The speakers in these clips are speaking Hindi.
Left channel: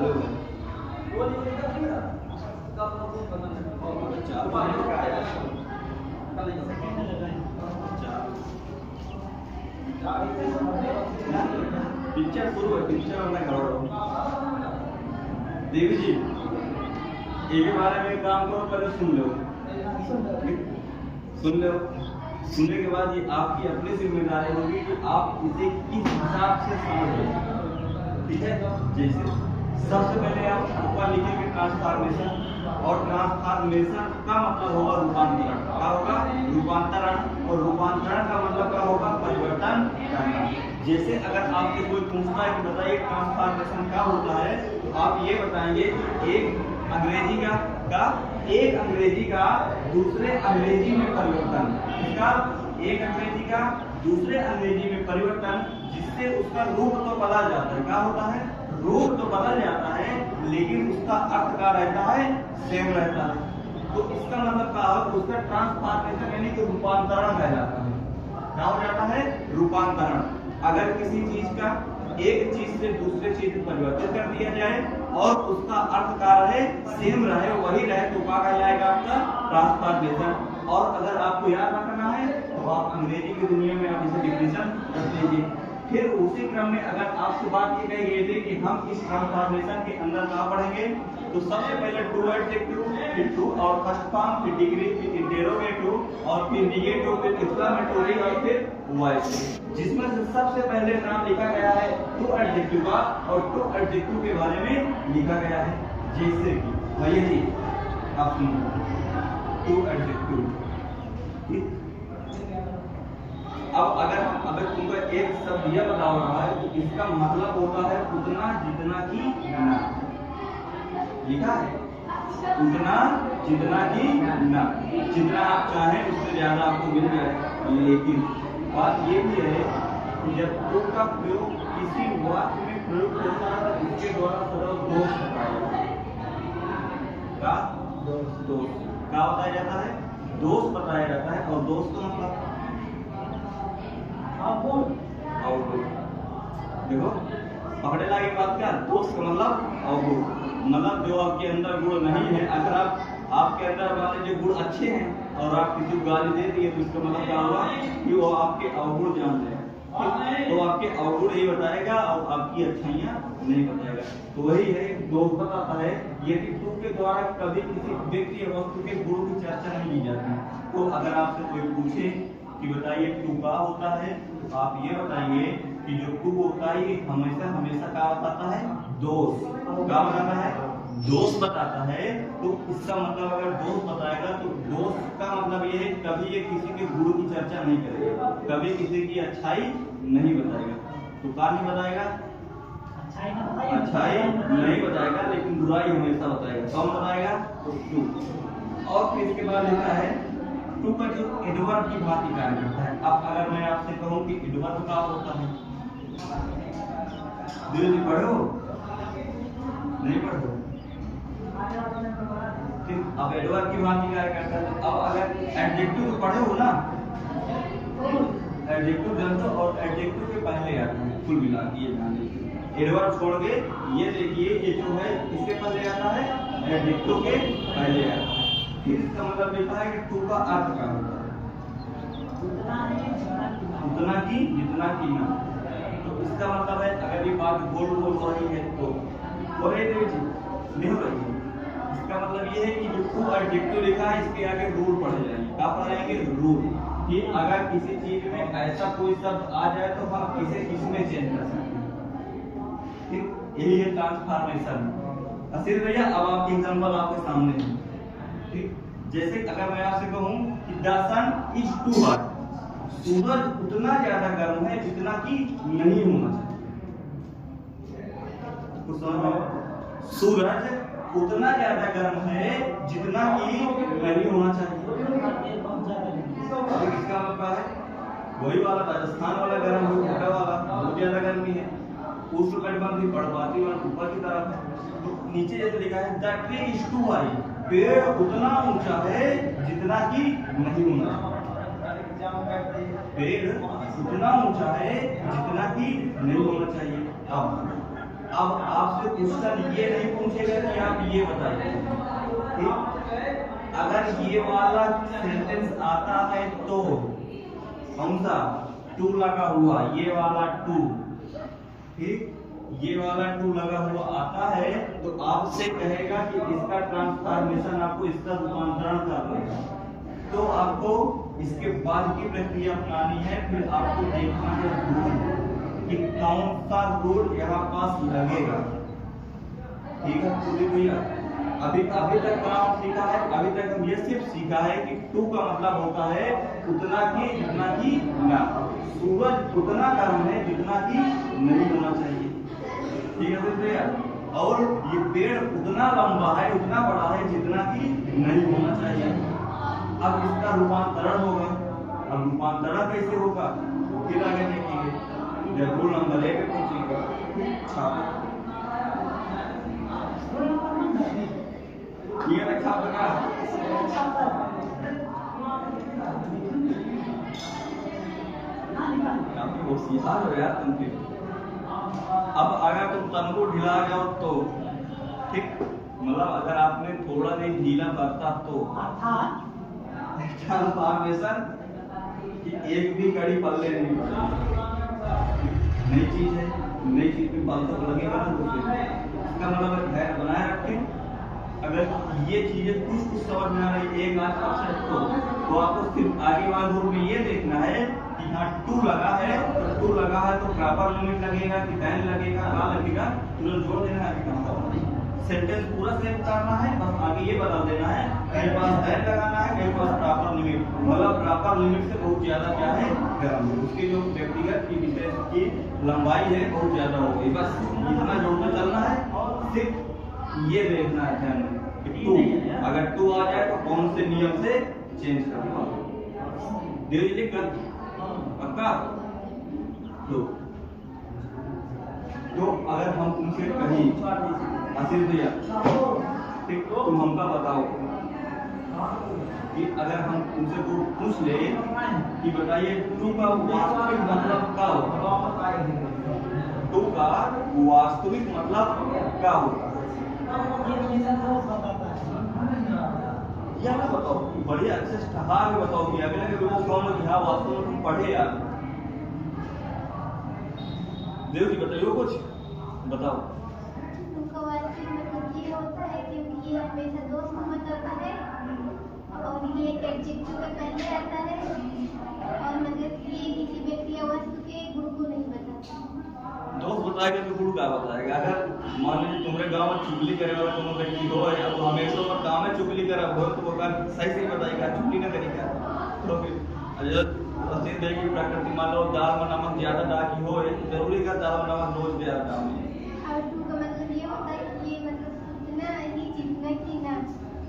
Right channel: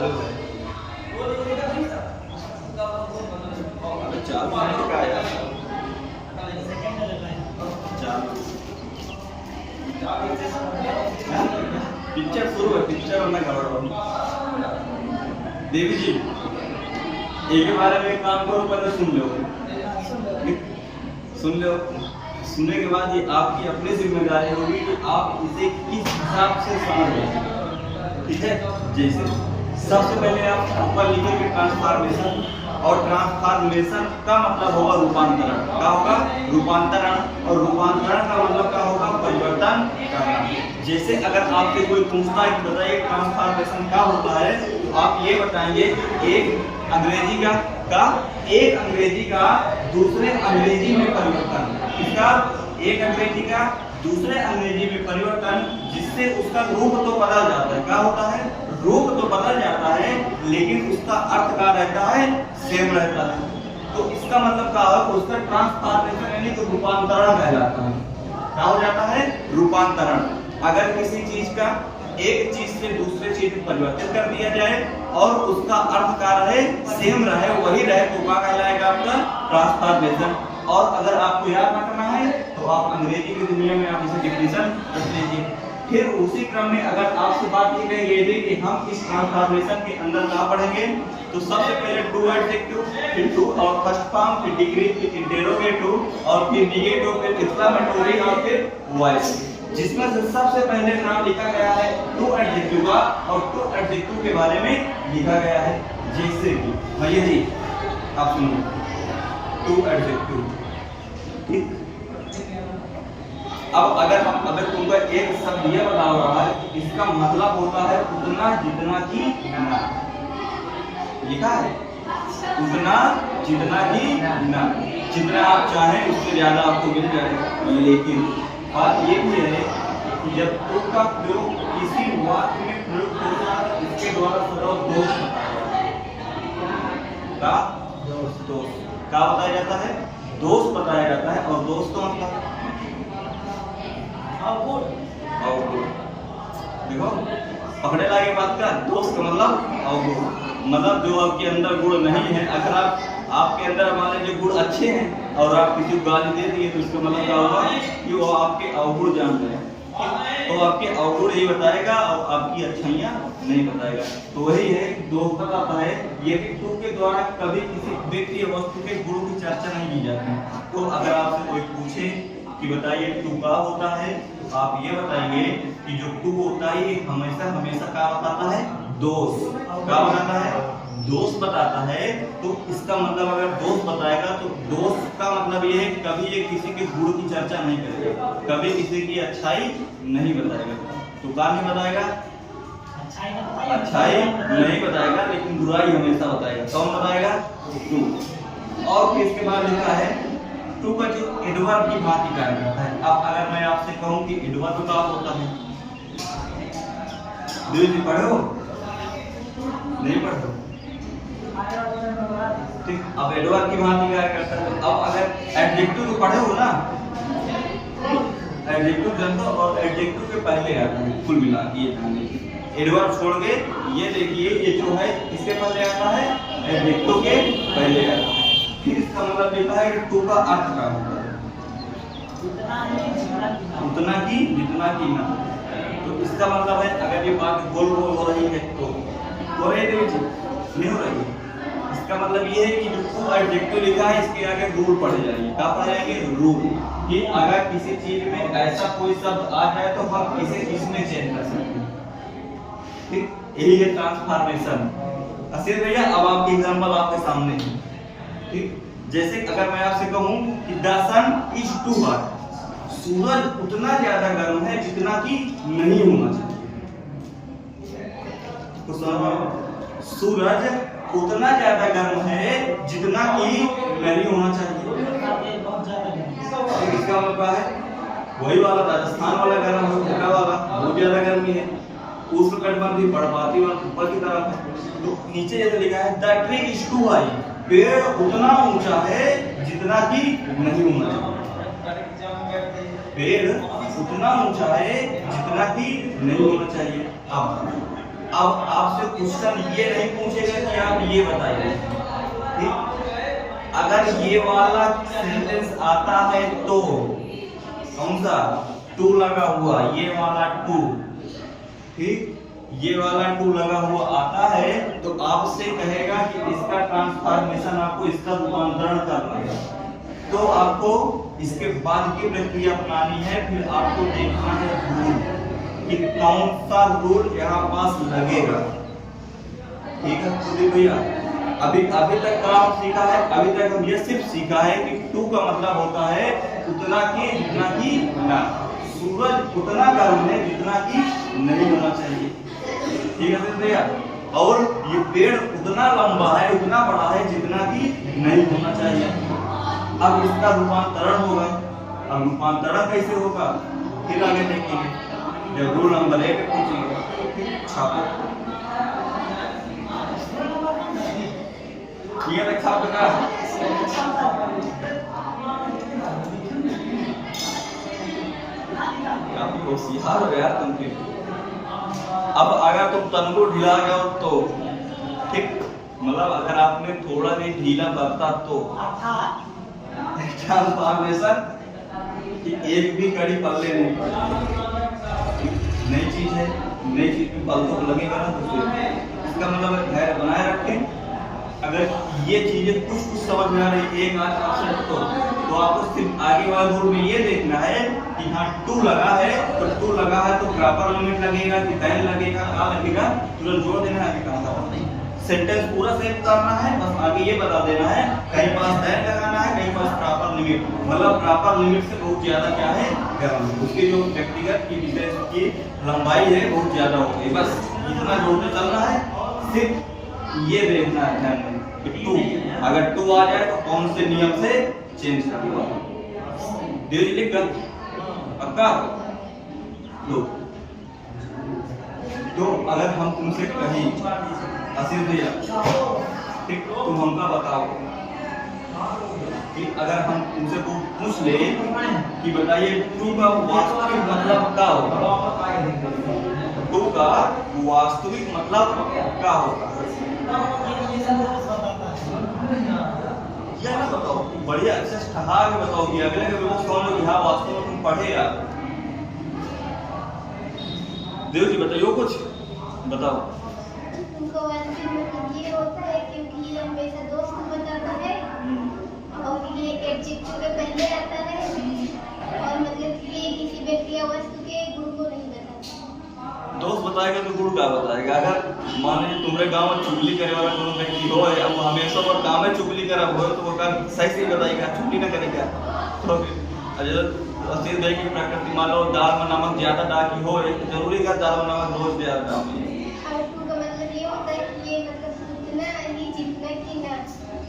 चालू है। अबे चालू है क्या यार? चालू पिक्चर शुरू है, पिक्चर होना खबर। देवी जी एक बारे में एक काम करो, पहले सुन लो, सुन लो। सुनने के बाद ये आपकी अपनी जिम्मेदारी होगी कि आप इसे किस हिसाब से समझ रहे हैं, ठीक है। जैसे सबसे पहले आप ऊपर लिखेंगे ट्रांसफॉर्मेशन, और ट्रांसफॉर्मेशन का मतलब होगा रूपांतरण। क्या होगा? रूपांतरण। और रूपांतरण का मतलब क्या होगा? परिवर्तन करना। जैसे अगर आपसे कोई पूछता है कि बताइए ट्रांसफॉर्मेशन क्या होता है, तो आप ये बताएंगे कि एक अंग्रेजी का दूसरे अंग्रेजी में परिवर्तन। इसका एक अंग्रेजी का दूसरे अंग्रेजी में परिवर्तन, जिससे उसका रूप तो बदल जाता है। क्या होता है? रूप तो बदल जाता है, लेकिन उसका अर्थ क्या रहता है? सेम रहता है। तो इसका मतलब क्या है? उसका ट्रांसफॉर्मेशन यानी कि रूपांतरण कहलाता है। क्या हो जाता है? रूपांतरण। अगर किसी चीज का एक चीज से दूसरे चीज में परिवर्तित कर दिया जाए और उसका अर्थ क्या रहे? सेम रहे, वही रहे, तो क्या कहलाएगा? आपका ट्रांसफॉर्मेशन। और अगर आपको याद रखना है तो आप अंग्रेजी की दुनिया में आप इसे डिफिनेशन रख लीजिए। फिर उसी क्रम में अगर आपसे बात की गई ये थी कि हम इस ट्रांसफॉर्मेशन के अंदर क्या पढ़ेंगे, तो सबसे पहले टू एडजेक्टिव, फिर टू और फर्स्ट फॉर्म, फिर डिग्री, फिर इंटेरोगेटिव, और फिर निगेटिव, फिर एक्सक्लेमेटरी, और फिर वॉइस। जिसमें से सबसे पहले नाम लिखा गया है टू एडजेक्टिव का, और टू एडजेक्टिव के बारे में लिखा गया है। जैसे कि भैया जी आप सुनो, टू एडजेक्टिव, ठीक। अब अगर तुमको एक शब्द ये बता रहा है कि इसका मतलब होता है उतना जितना कि ना, लिखा है उतना जितना कि ना, जितना आप चाहें उससे ज्यादा आपको मिल जाए। लेकिन बात ये भी है कि जब टू का प्रयोग किसी वाक्य में प्रयोग होता है, इसके द्वारा सदा दोष बताया जाता है, दोष बताया जाता है। और दोष का मतलब अवगुण। देखो पकड़े लागे बात का, दोष का मतलब अवगुण, मतलब जो आपके अंदर गुण नहीं है। अगर आपके अंदर मान लीजिए गुण अच्छे हैं और आप किसी को गाली दे दिए, तो इसका मतलब क्या होगा कि वो आपके अवगुण जान रहे हैं, तो आपके अवगुण ही बताएगा और आपकी अच्छाइयाँ नहीं बताएगा। तो वही है कि दोष बताता है ये कि टू के द्वारा कभी किसी व्यक्ति या वस्तु के गुणों की चर्चा नहीं की जाती। तो अगर आपसे कोई पूछे कि बताइए टू क्या होता है, तो आप ये बताएंगे कि जो टू होता है ये हमेशा क्या बताता है? दोष। क्या बताता है? दोष बताता है। तो इसका मतलब अगर दोष बताएगा तो दोष का मतलब ये है कभी ये किसी के गुण की चर्चा नहीं करेगा, कभी किसी की अच्छाई नहीं बताएगा। तो क्या नहीं बताएगा? अच्छाई नहीं बताएगा, लेकिन बुराई हमेशा बताएगा। कौन बताएगा? टू। और फिर इसके बाद लिखा है टू का जो एडवर्ब की भांति कार्य करता है। अब अगर मैं आपसे कहूं कि एडवर्ब क्या होता है, जी पढ़े हो? नहीं पढ़े हो? ठीक। अब एडवर्ब की भांति कार्य करता है। अब अगर एडजेक्टिव तो पढ़े हो ना, एडजेक्टिव जनता और एडजेक्टिव के पहले आता है कुल मिला के, ये ध्यान दीजिए। एडवर्ब छोड़ के ये देखिए, ये जो है इसके पहले आता है, एडजेक्टिव के पहले आता है। फिर इसका मतलब लिखा है कि टू का अर्थ क्या होता है? उतना की जितना की ना। तो इसका मतलब है अगर ये बात गोल हो रही है तो हो रही है, नहीं हो रही है। इसका मतलब ये है कि जो टू एडजेक्टिव लिखा है इसके आगे रूल पढ़े जाएंगे। क्या पढ़े जाएंगे? रूल। कि अगर किसी चीज में ऐसा कोई शब्द आ जाए तो हम इसे इसमें चेंज कर सकते हैं, ठीक। यही है ट्रांसफॉर्मेशन। असीर भैया अब आपकी एग्जांपल आपके सामने है, ठीक। जैसे अगर मैं आपसे कहूं कि the sun is too hot, सूरज उतना ज्यादा गर्म है जितना कि नहीं होना चाहिए। सूरज उतना ज्यादा गर्म है जितना कि नहीं होना चाहिए। इसका मतलब है वही वाला राजस्थान वाला गर्म है, वाला बहुत ज्यादा गर्मी है। उष्णकटिबंधीय पर्वतीय और ऊपर की तरफ है। तो नीचे जैसे लिखा है the tree is too high, पेड़ उतना ऊंचा है जितना कि नहीं होना चाहिए। पेड़ उतना ऊंचा है जितना कि नहीं होना चाहिए। आप अब आपसे क्वेश्चन ये नहीं पूछेगा कि आप ये बताइए, ठीक? अगर ये वाला सेंटेंस आता है तो कौन सा टू लगा हुआ, ये वाला टू, ठीक, ये वाला टू लगा हुआ आता है तो आपसे कहेगा कि इसका ट्रांसफॉर्मेशन आपको, इसका रूपांतरण करना है। तो आपको इसके बाद की प्रक्रिया अपनानी है। फिर आपको देखना है रूल कि कौन सा रूल यहाँ पास लगेगा, ठीक है। तो भैया अभी तक काम सीखा है, अभी तक हम ये सिर्फ सीखा है कि टू का मतलब होता है उतना की जितना की ना, सूरज उतना गर्म है जितना की नहीं होना चाहिए, ठीक है भैया। और ये पेड़ उतना लंबा है, उतना बड़ा है जितना की नहीं होना चाहिए। अब इसका रूपांतरण होगा। अब रूपांतरण कैसे होगा फिर आगे देखेंगे जब रूल नंबर 1 पे पूछेंगे। छापो ये तक छाप का काफी होशियार हो यार तुम। अब अगर तुम तनगो ढीला गए हो तो ठीक, मतलब अगर आपने थोड़ा भी ढीला बरता तो ट्रांसफॉर्मेशन कि एक भी कड़ी पल्ले नहीं पड़ेगी। नई चीज है, नई चीज में पल तो लगेगा ना, तो इसका मतलब धैर्य बनाए रखें। अगर ये चीजें कुछ समझ में आ रही एक आध परसेंट तो आपको सिर्फ आगे वाले रूल में ये देखना है कि यहाँ टू लगा है तो टू लगा है तो प्रॉपर लिमिट लगेगा कि दैन लगेगा, क्या लगेगा, तुरंत जोड़ देना है। कहाँ सेंटेंस पूरा सेव करना है, बस आगे ये बता देना है कहीं पास दैन लगाना है, कहीं पास प्रॉपर लिमिट, मतलब प्रॉपर लिमिट से बहुत ज्यादा क्या है गर्म, उसकी जो व्यक्तिगत की विशेष की लंबाई है बहुत ज्यादा हो गई। बस इतना जोड़ते चलना है। सिर्फ ये देखना है ध्यान में कि टू, अगर टू आ जाए तो कौन से नियम से चेंज करना है। देव लिख कर पक्का लो। तो अगर हम तुमसे कहीं आशीष भैया ठीक, तुम हमका बताओ कि अगर हम तुमसे को पूछ ले कि बताइए टू का वास्तविक मतलब क्या होगा, टू का वास्तविक मतलब क्या होगा, या ना बताओ, बढ़िया अच्छे ठहा के बताओ कि अगले के लोग कौन लोग यहाँ वास्तव में तुम पढ़े यार। देव जी बताइए कुछ बताओ। तुमको ये होता है क्योंकि ये हमेशा दोस्त को बताता है और ये एडजेक्टिव के पहले आता है और मतलब ये किसी व्यक्ति या वस्तु के गुण को नहीं बताता। दोस्त बताएगा तो गुण का बताएगा। अगर मान लीजिए तुम्हारे गांव में चुगली करे वाला कोनो व्यक्ति हो, अब वो हमेशा वो गांव में चुगली करा हो तो वो का सही से बताएगा, चुगली ना करेगा। तो असीर भाई की प्रकृति मान लो दाल में नमक ज्यादा डाकी हो तो जरूरी का दाल में नमक रोज दे आता हूं। टू का मतलब ये होता है कि ये मतलब उतना ही जितना कि ना।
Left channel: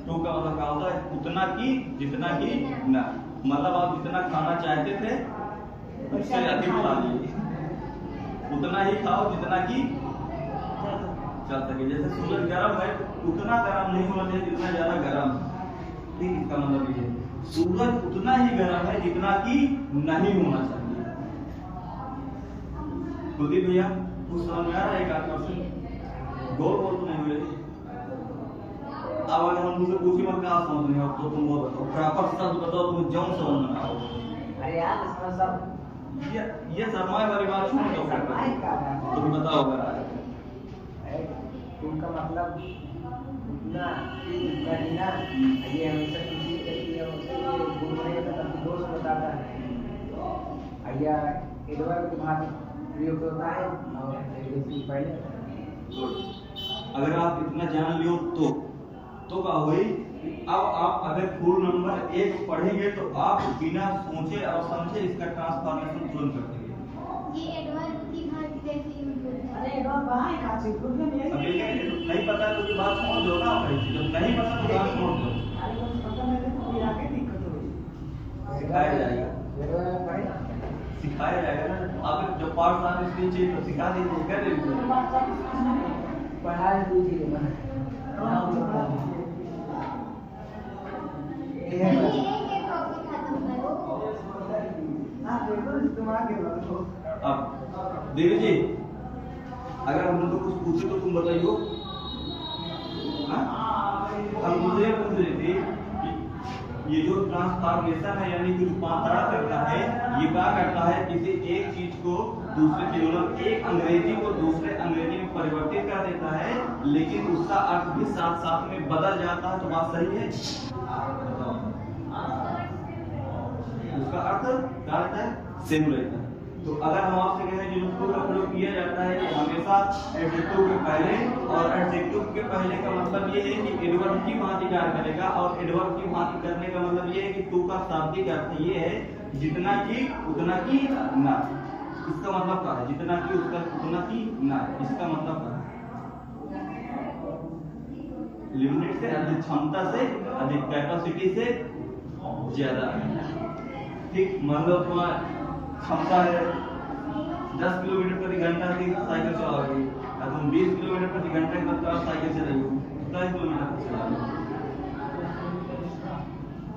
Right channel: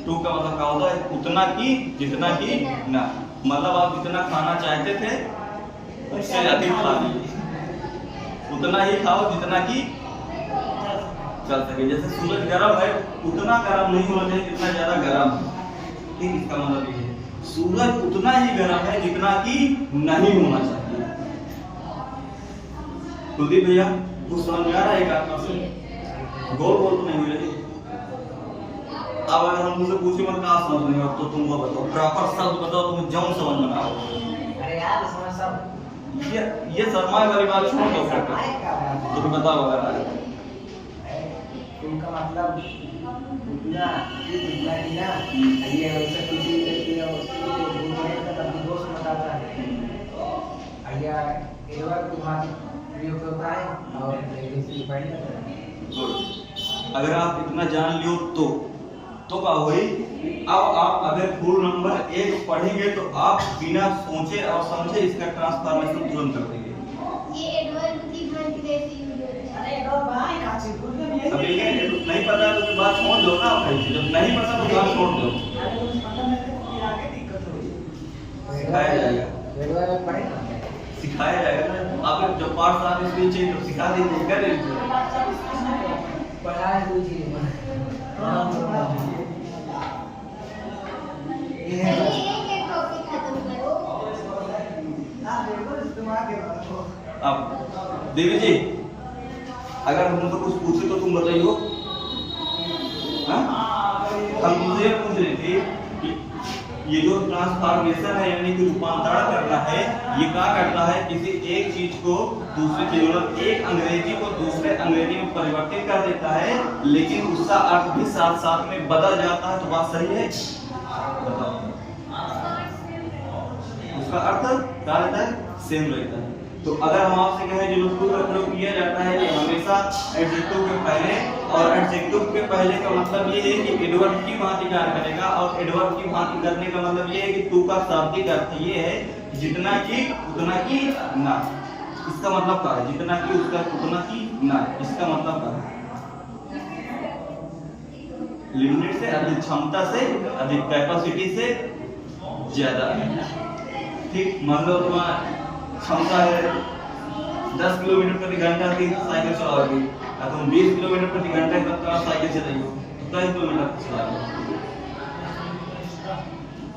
टू का मतलब क्या होता है उतना की जितना की ना, मतलब आप जितना खाना चाहते थे उससे अधिक खा लिए, उतना ही खाओ जितना की चल सके। जैसे सूरज गर्म है उतना गर्म नहीं होना चाहिए जितना ज्यादा गर्म है, ठीक, इसका मतलब ये है सूरज उतना ही गर्म है जितना कि नहीं होना चाहिए। कुलदीप भैया कुछ समझ में आ रहा है? एक आध परसेंट गोल गोल तो नहीं हुए। अब अगर हम मुझसे पूछे मत कहाँ समझ नहीं तो तुम वो बताओ, प्रॉपर शब्द बताओ, तुम्हें जौन समझ में आओ। अरे यार समझ सब ये शर्माए वाली बात छोड़ दो, तुम बताओ अगर आज उनका मतलब उतना जितना ही ना, ये हमेशा किसी व्यक्ति या उसके गुण में तब दोस्त बताता है या इधर तुम्हारा प्रयोग होता है और जैसे पहले। अगर आप इतना जान लियो तो क्या हुई। अब आप अगर फुल नंबर 1 पढ़ेंगे तो आप बिना सोचे और समझे इसका ट्रांसफॉर्मेशन तुरंत कर देंगे। ये एडवर्ब की भांति कैसे यूज होता है? अरे एडवर्ब भाई काची बोल दे। अभी नहीं पता तो बात छोड़ दो ना भाई, जब नहीं पता तो बात छोड़ दो। अरे कुछ पता नहीं है तो फिर आगे दिक्कत होगी। सिखाया जाएगा, एडवर्ब भाई सिखाया जाएगा ना। आप जब पार्ट आने से चाहिए तो सिखा दीजिए, कर लीजिए। पढ़ाई बुझिए ये है ये टॉपिक खत्म करो। हां बिल्कुल इस्तेमाल के अब देवी जी अगर हम तुमसे कुछ पूछे तो तुम बताइयो। हाँ? हम तुमसे ये पूछ रहे थे कि ये जो ट्रांसफॉर्मेशन है यानी कि रूपांतरण करना है, ये क्या करता है? किसी एक चीज को दूसरे चीज, मतलब एक अंग्रेजी को दूसरे अंग्रेजी में परिवर्तित कर देता है, लेकिन उसका अर्थ भी साथ साथ में बदल जाता है। तो बात सही है? बताओ, उसका अर्थ क्या रहता है? सेम रहता है। तो अगर हम आपसे कहें जो टू का प्रयोग किया जाता है कि हमेशा एडजेक्टिव के पहले, और एडजेक्टिव के पहले का मतलब ये है कि एडवर्ब की भांति कार्य करेगा, और एडवर्ब की भांति करने का मतलब ये है कि टू का शाब्दिक अर्थ ये है जितना कि उतना की ना। इसका मतलब क्या है? जितना कि उसका उतना की ना। इसका मतलब क्या है? लिमिट से अधिक, क्षमता से अधिक, कैपेसिटी से ज्यादा। ठीक, मान लो तुम्हारा क्षमता है 10 किलोमीटर प्रति घंटा की साइकिल चलाओगे, और तुम 20 किलोमीटर प्रति घंटा तक साइकिल चलाइयो, 10 किलोमीटर चलाओगे,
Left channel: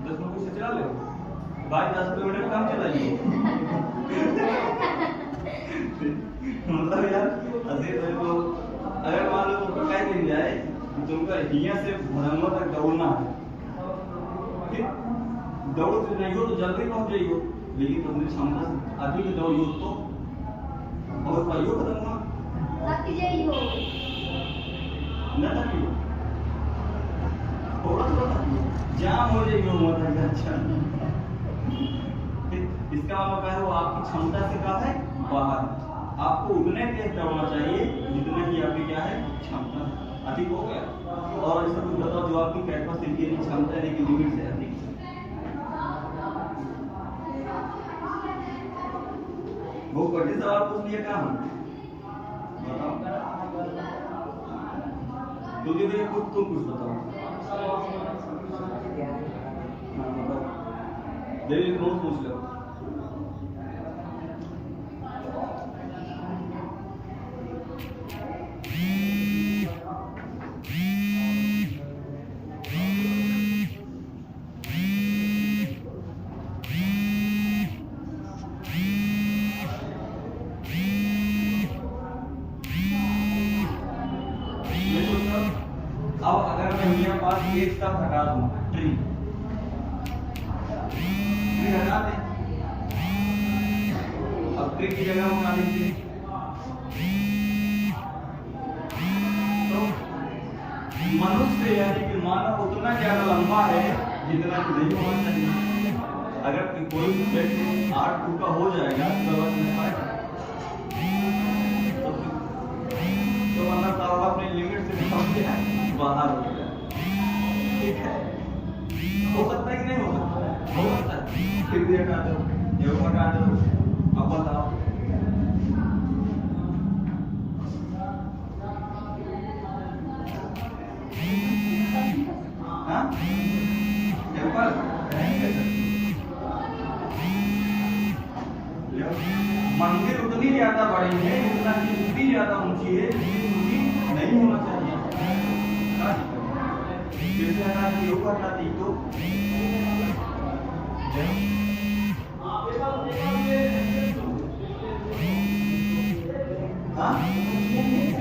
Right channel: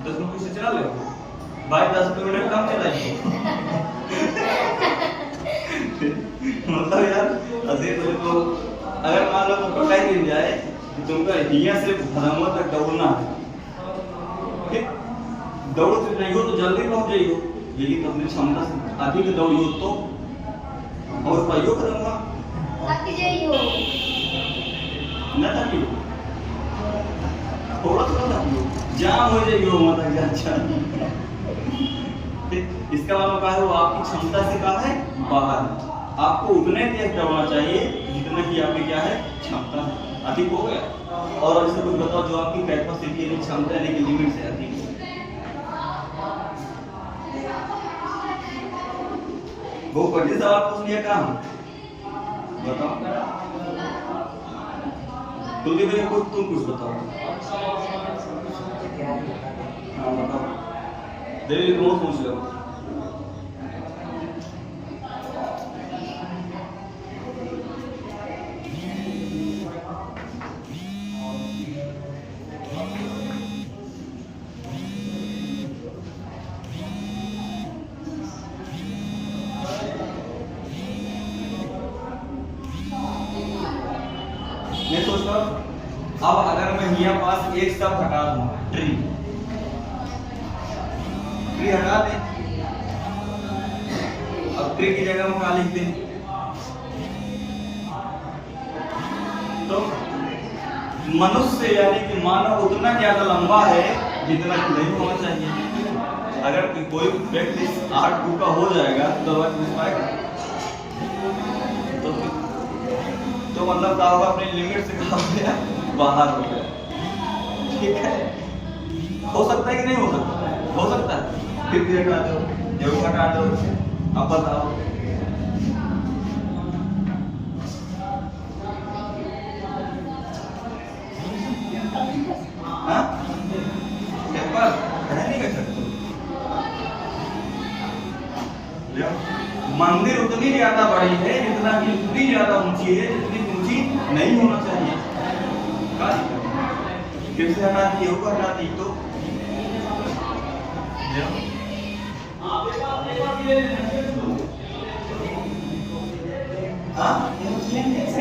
10 मिनट से चला लो भाई, 10 किलोमीटर कम चलाइए। मतलब यार अजीब है। तो अगर मान लो तुमको कह दिया जाए कि तुमको यहाँ से भदमवा तक दौड़ना है, ठीक, दौड़ो तो नहीं हो तो जल्दी पहुंच जाइयो, लेकिन अपनी क्षमता से अधिक दौड़ियो तो और पाइयो करूंगा थक जाइयो ना, थकियो थोड़ा थोड़ा थकियो, जाम हो जाइयो मतलब। अच्छा, इसका मतलब क्या है? वो आपकी क्षमता से क्या है? बाहर है। आपको उतने तेज दौड़ना चाहिए जितना कि आपकी क्या है? क्षमता है। अधिक हो गया। और ऐसा कुछ बताओ जो आपकी कैपेसिटी यानी क्षमता यानी कि लिमिट से अधिक हो। वो कठिन सवाल पूछ लिया काम बताओ, तुझे भी कुछ, तुम कुछ बताओ। हाँ बताओ, देवी को पूछ लो। मैं सोचता हूँ अब अगर मैं यहाँ पास एक शब्द हटा दूँ, ट्री, ट्री हटा दें, अब ट्री की जगह में क्या लिख दें? तो मनुष्य यानी कि मानव उतना ज्यादा लंबा है जितना कि नहीं होना चाहिए। अगर कोई व्यक्ति 8 फुट का हो जाएगा तो दवा पूछ पाएगा? तो मतलब क्या होगा? अपने लिमिट से कहा गया बाहर हो गया। ठीक है, हो सकता है कि नहीं हो सकता? हो सकता है। फिर भी हटा दो, जरूर हटा दो। अब बताओ, हाँ? नहीं कर सकते। मंदिर उतनी ज्यादा बड़ी है जितना कि उतनी ज्यादा ऊंची है जितनी ऊंची नहीं होना चाहिए। फिर से हटा दी, योग हटा दी तो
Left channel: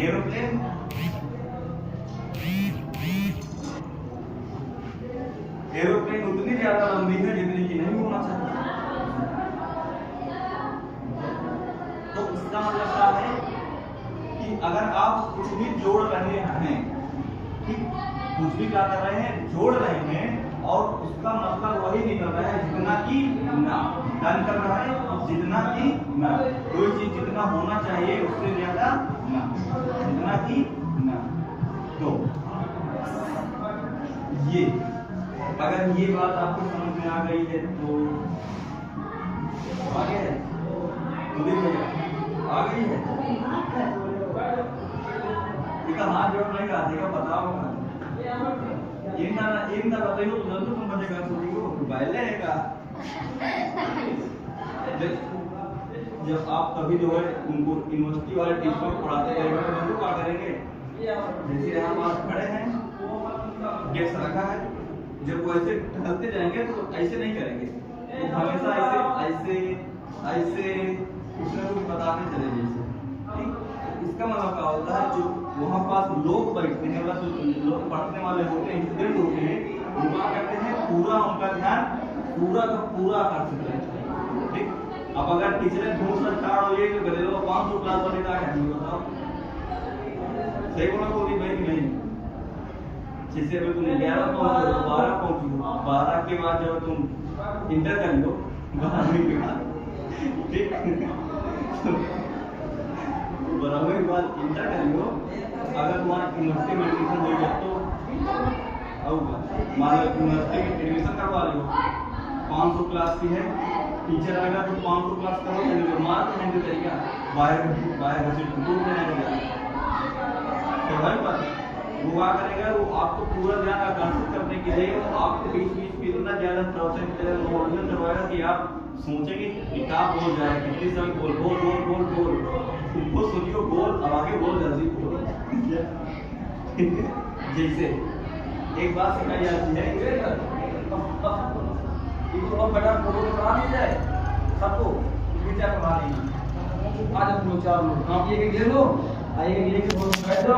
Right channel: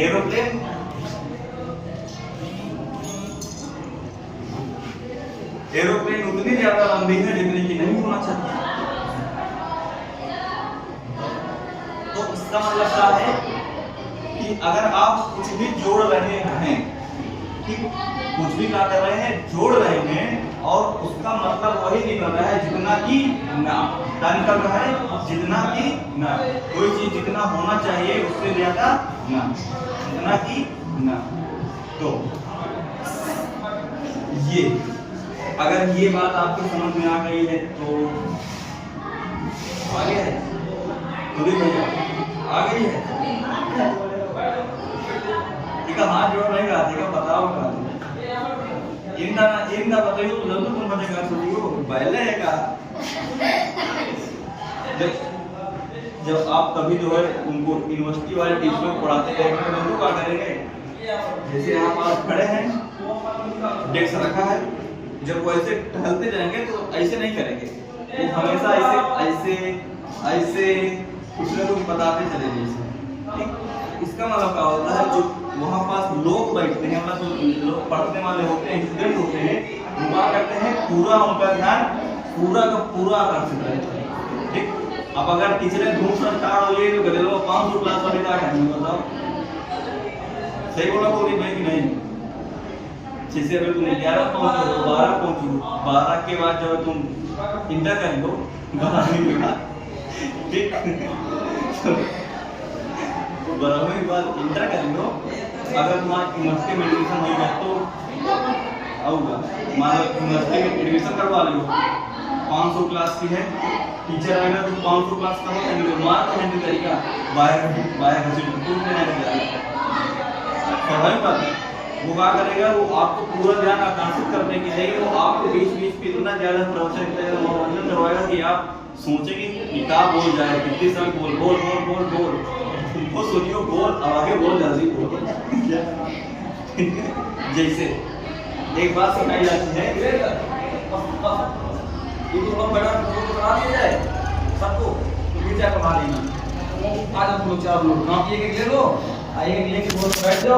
एरोप्लेन, एरोप्लेन उतनी ज्यादा लंबी है जितनी की नहीं होना चाहिए। तो इसका मतलब क्या है कि अगर आप कुछ भी जोड़ रहे हैं, ठीक, कुछ भी क्या कर रहे हैं? जोड़ रहे हैं, और उसका मतलब वही निकल रहा है जितना कि ना। क्या निकल रहा है? जितना कि ना। कोई चीज जितना होना चाहिए उससे ज्यादा ना, जितना कि ना। तो ये अगर ये बात आपको समझ में आ गई है तो आ गया है, तो भैया आ गई है। ठीक है, हाथ जोड़ नहीं रहा, ठीक है, बताओ इंदा बताइए तो जल्दी तुम मुझे कहा सोचियो पहले है का। जब आप कभी जो है उनको यूनिवर्सिटी वाले टीचर को पढ़ाते रहेंगे तो क्या करेंगे? जैसे यहाँ पास खड़े हैं, डेस्क रखा है, जब वो ऐसे टहलते जाएंगे तो ऐसे नहीं करेंगे, वो हमेशा ऐसे ऐसे ऐसे कुछ ना कुछ बताते चले जाइए। ठीक, इसका मतलब क्या होता है, जो वहाँ पास लोग बैठते हैं, मतलब जो लोग पढ़ने वाले होते हैं, स्टूडेंट होते हैं, वो क्या करते हैं, पूरा उनका ध्यान पूरा का पूरा आकर्षित रहता है। ठीक, अब अगर टीचर धूम से स्टार्ट हो जाए तो कहते लोग 500 क्लास वाले क्या करेंगे बताओ? सही बोला कोई भाई कि नहीं? जैसे अगर तुम 11 पहुंचो, 12 पहुंचो, 12 के बाद जब तुम इंटर कर लो, 12वीं के बाद, ठीक, 12वीं के बाद इंटर कर लो, अगर तुम्हारा यूनिवर्सिटी में एडमिशन हो गया तो आऊँगा, मान लो यूनिवर्सिटी में एडमिशन करवा लो, 500 क्लास की है, टीचर आएगा तो 500 क्लास का हो जाएंगे, मार तो नहीं तरीका बायोलॉजी पूर्ण देने का तरीका, स्वाभाविक बात है। वो क्या करेगा, वो आपको पूरा ध्यान आकर्षित करने के लिए वो आपको बीच बीच में इतना ज्यादा प्रवचन मनोरंजन करवाएगा कि आप सोचेंगे किताब बोल जाए, कितनी समय बोल बोल बोल बोल बोल, तुमको सोचियो बोल, अब आगे बोल, जल्दी बोल। जैसे एक बात सिखाई जाती है, बेटा करा दिया जाए सबको, तो कमा लेना, आज तुम लोग 4 लोग कापी एक ले लो, एक लेके बैठ जाओ।